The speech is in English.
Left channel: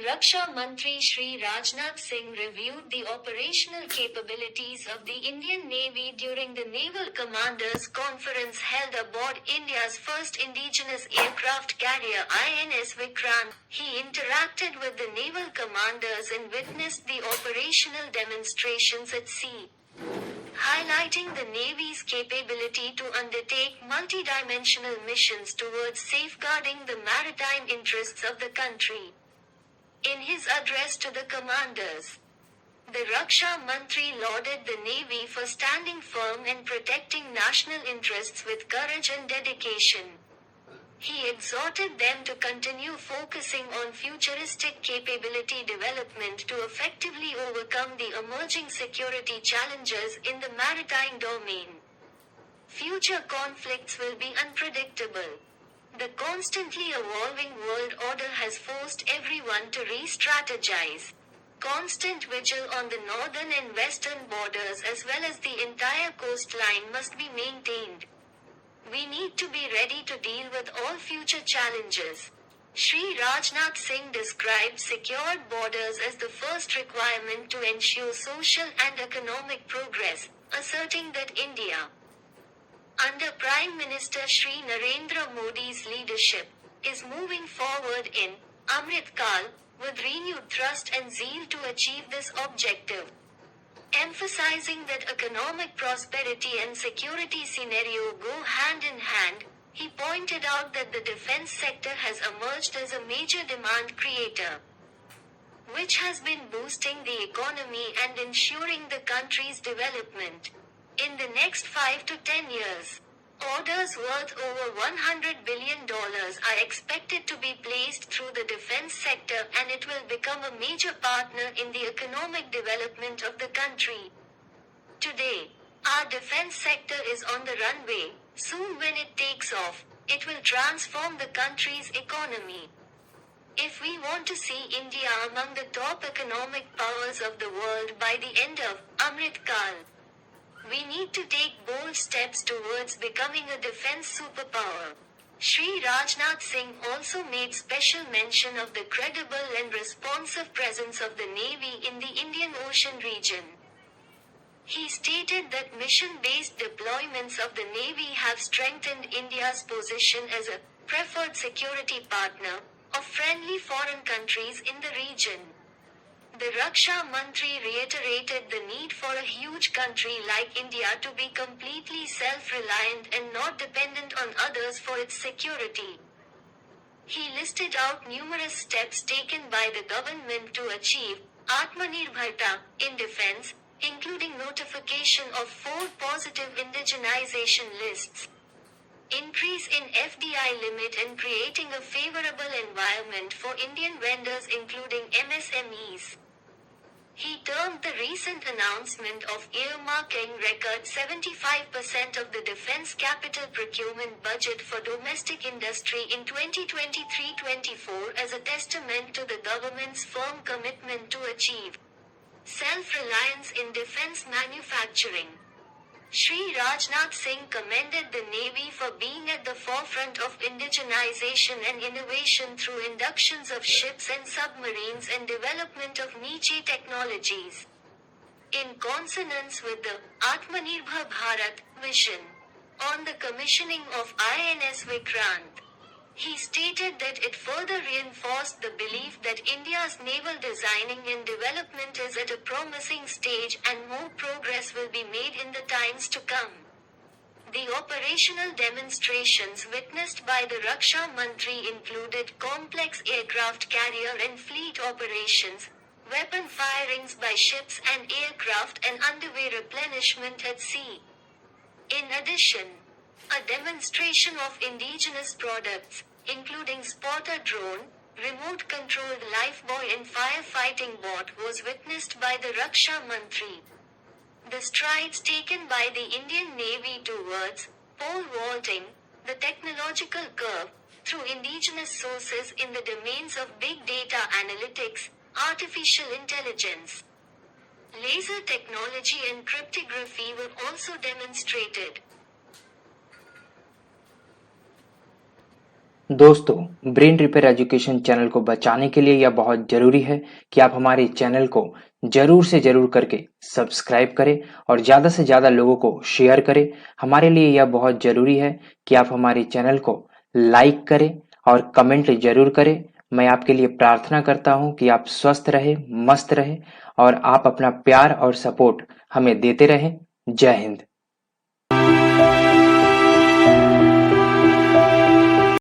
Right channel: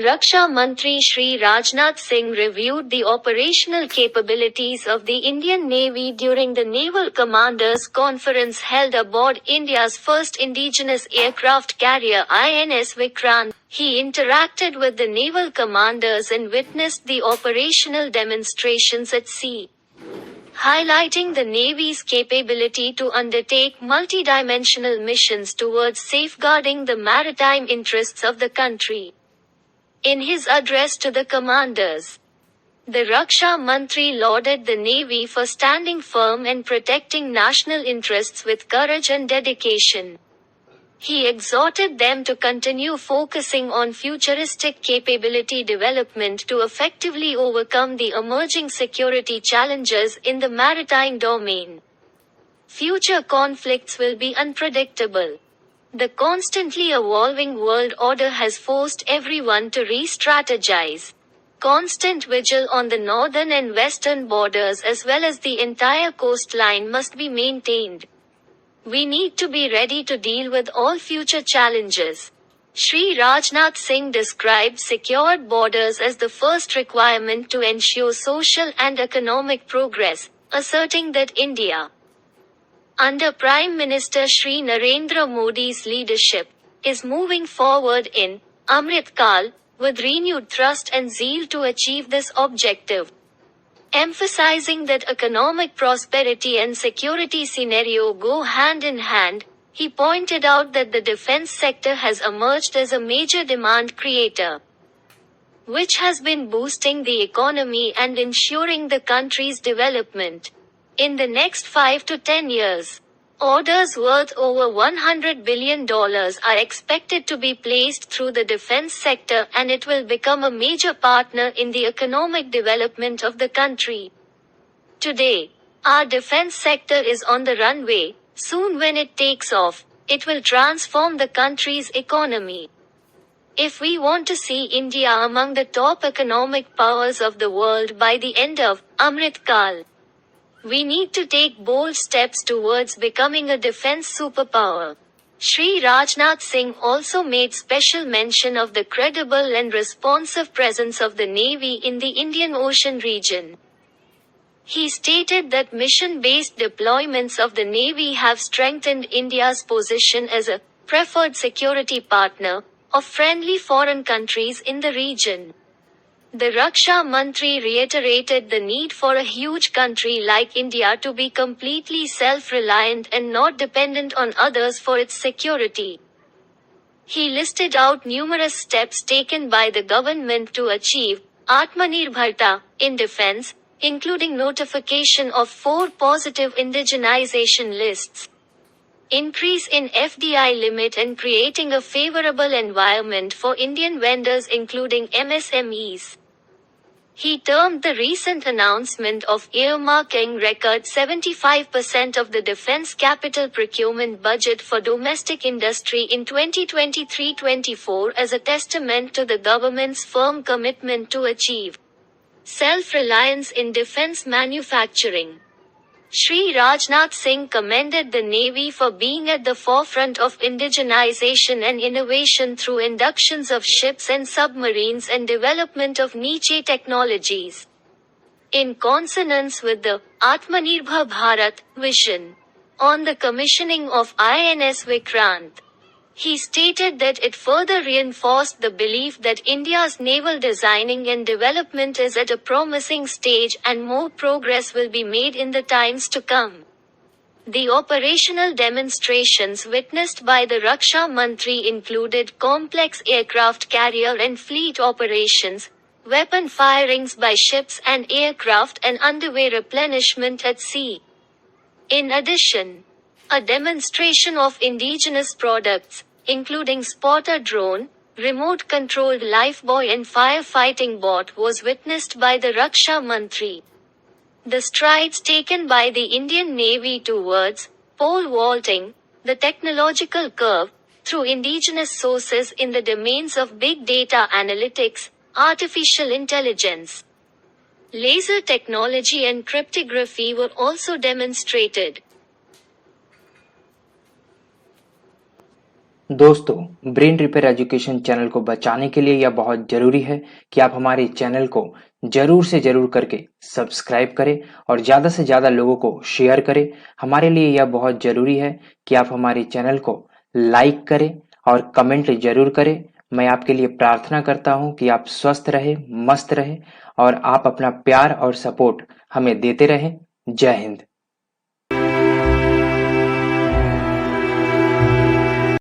Raksha Mantri Shri Rajnath Singh reviewed the operational capabilities of the Indian Navy during the Naval Commanders Conference held aboard India's first indigenous aircraft carrier INS Vikrant. He interacted with the naval commanders and witnessed the operational demonstrations at sea, highlighting the Navy's capability to undertake multidimensional missions towards safeguarding the maritime interests of the country. In his address to the commanders, the Raksha Mantri lauded the Navy for standing firm and protecting national interests with courage and dedication. He exhorted them to continue focusing on futuristic capability development to effectively overcome the emerging security challenges in the maritime domain. Future conflicts will be unpredictable. The constantly evolving world order has forced everyone to re-strategize. Constant vigil on the northern and western borders as well as the entire coastline must be maintained. We need to be ready to deal with all future challenges. Shri Rajnath Singh described secured borders as the first requirement to ensure social and economic progress, asserting that India, under Prime Minister Shri Narendra Modi's leadership, is moving forward in Amrit Kal with renewed thrust and zeal to achieve this objective. Emphasizing that economic prosperity and security scenario go hand in hand, he pointed out that the defense sector has emerged as a major demand creator, which has been boosting the economy and ensuring the country's development. In the next 5 to 10 years, orders worth over $100 billion are expected to be placed through the defense sector, and it will become a major partner in the economic development of the country. Today, our defense sector is on the runway. Soon when it takes off, it will transform the country's economy. If we want to see India among the top economic powers of the world by the end of Amrit Kal, we need to take bold steps towards becoming a defense superpower. Shri Rajnath Singh also made special mention of the credible and responsive presence of the Navy in the Indian Ocean region. He stated that mission-based deployments of the Navy have strengthened India's position as a preferred security partner of friendly foreign countries in the region. The Raksha Mantri reiterated the need for a huge country like India to be completely self-reliant and not dependent on others for its security. He listed out numerous steps taken by the government to achieve Atmanirbharta in defense, including notification of 4 positive indigenization lists, increase in FDI limit and creating a favorable environment for Indian vendors including MSMEs. He termed the recent announcement of earmarking record 75% of the defense capital procurement budget for domestic industry in 2023-24 as a testament to the government's firm commitment to achieve self-reliance in defense manufacturing. Shri Rajnath Singh commended the Navy for being at the forefront of indigenization and innovation through inductions of ships and submarines and development of niche technologies. In consonance with the Atmanirbhar Bharat vision on the commissioning of INS Vikrant, he stated that it further reinforced the belief that India's naval designing and development is at a promising stage and more progress will be made in the times to come. The operational demonstrations witnessed by the Raksha Mantri included complex aircraft carrier and fleet operations, weapon firings by ships and aircraft, and underway replenishment at sea. In addition, a demonstration of indigenous products, including spotter drone, remote-controlled lifebuoy and firefighting boat was witnessed by the Raksha Mantri. The strides taken by the Indian Navy towards pole vaulting the technological curve through indigenous sources in the domains of big data analytics, artificial intelligence, laser technology and cryptography were also demonstrated. दोस्तों, brain repair education channel को बचाने के लिए यह बहुत जरूरी है कि आप हमारे चैनल को जरूर से जरूर करके सब्सक्राइब करें और ज्यादा से ज्यादा लोगों को शेयर करें। हमारे लिए यह बहुत जरूरी है कि आप हमारे चैनल को लाइक करें और कमेंट जरूर करें। मैं आपके लिए प्रार्थना करता हूं कि आप स्वस्थ रहे, मस्त रहे और आप अपना प्यार और सपोर्ट हमें देते रहें। जय हिंद।